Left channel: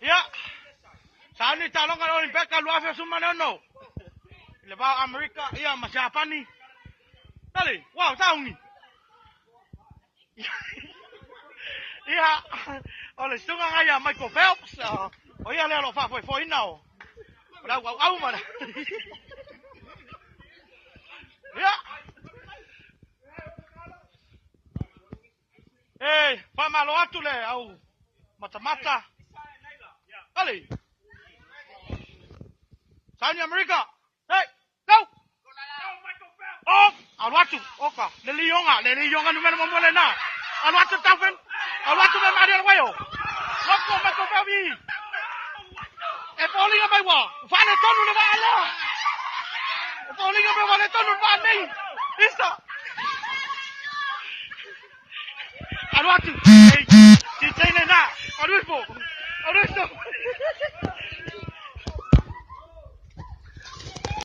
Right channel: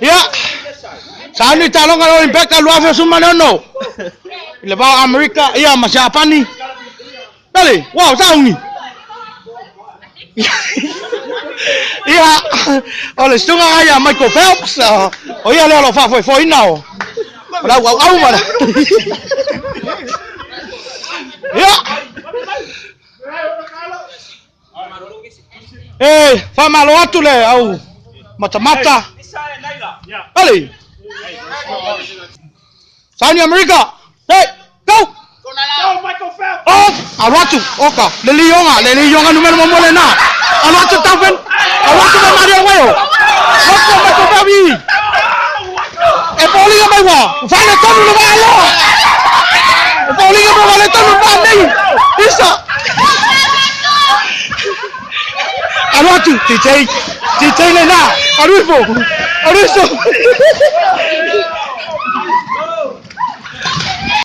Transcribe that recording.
Ya. Sani talong kalau impact kalau apa semua no. Lepas Amerika, iya masih apa nih? Balik, wow tahu nih. Iya, oleh setengah ayam Michael Phelps. Oh iya lelo foi now. Dah wow mana? Ya. Fama lo atu le au mata. Balik. Sani Amerika. Hey, go. Oh, awatu. Oka. Lelionga numero momole na. Awatu tafen. Awatu na Mario wayo. Wako Michael Baby. Polinga mai wa. Vale tonu lo valo. Polinga mo vale tonu ba nei. Isa. Awatu. DJ le na. Aruiso.